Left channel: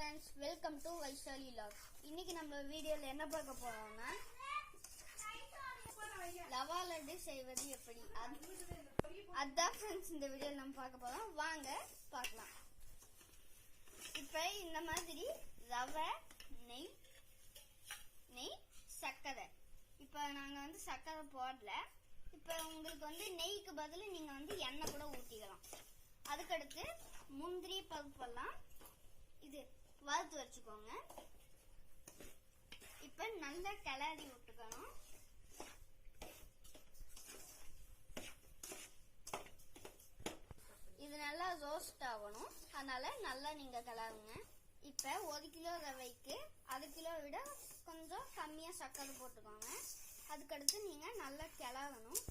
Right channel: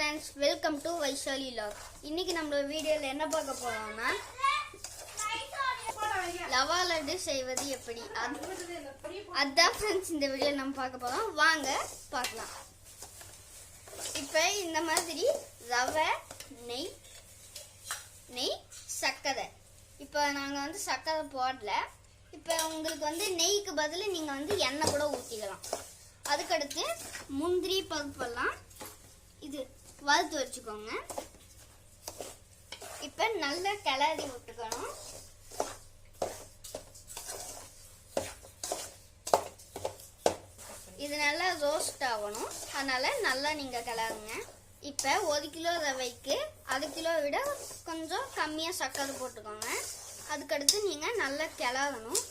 friends, welcome to Vaishali Vlog. இன்னைக்கு நம்ம வீடியோல என்ன பார்க்க போறோம்னா லவா லட்டு செய்வது எப்படி அதான் फ्रेंड्स இந்த வீடியோல நம்ம பார்க்க போறோம். வாங்க பார்க்கலாம். இப்போ இந்த மாதிரி ரவை நெய் சக்கரை. இப்போ நாங்க சக்கரை போடல. இப்போ உங்களுக்கு நெய்க்கு பதிலா நீங்க எண்ணெய் கூட ஊத்திக்கலாம். அதுக்கு அடுத்து முந்திரி பருப்பெல்லாம் இது வறுத்து வச்சுக்கோங்க. இப்போ நல்லா கிளறி விட்டுக்கணும். இது நல்லா ரோஸ்ட் ஆகணும். அதனால நல்லா நீங்க கிளறுங்க. இப்போ 1 கிலோ ரவைக்கு 1/2 கிலோ விட கொஞ்சம் கம்மியாக சக்கரை போட்டுக்கோங்க. அதுக்கடுத்து நீங்கள் நல்லா கிளறணும்.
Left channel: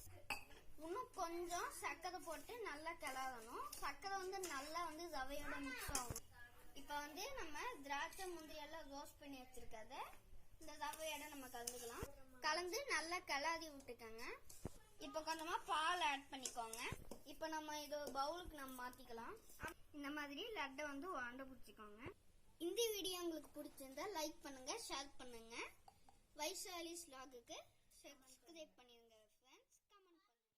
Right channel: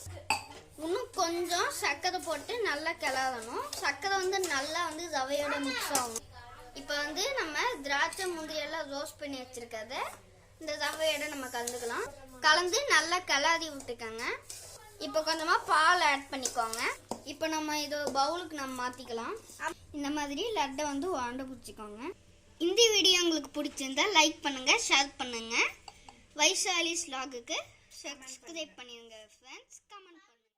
இன்னும் கொஞ்சம் சக்கரை போட்டு நல்லா கிளறணும். சக்கரை நல்லா ரவையோட மிக்ஸ் ஆகணும். இப்போ நம்ம திராட்சை முந்திரி எல்லாம் ரோஸ்ட் பண்ணி வச்சிருக்கத இந்த ரவையோட நம்ம கலந்துக்கலாம். கலந்து நல்லா கிளறி விட்டுக்கோங்க. இப்போ கொஞ்சமா பால் ஆட் பண்ணிக்கோங்க. இப்போ நம்ம இது பவுலுக்கு நம்ம மாத்திக்கலாம். இந்த மாதிரி லட்டை உருண்டை பிடிச்சிக்கோங்க. இந்த வீடியோ உங்களுக்கு பிடிச்சிருந்தா லைக் பண்ணுங்க, ஷேர் பண்ணுங்க. வைஷாலிஸ் vlogக்கு சப்ஸ்கிரைப் பண்ணிருங்க.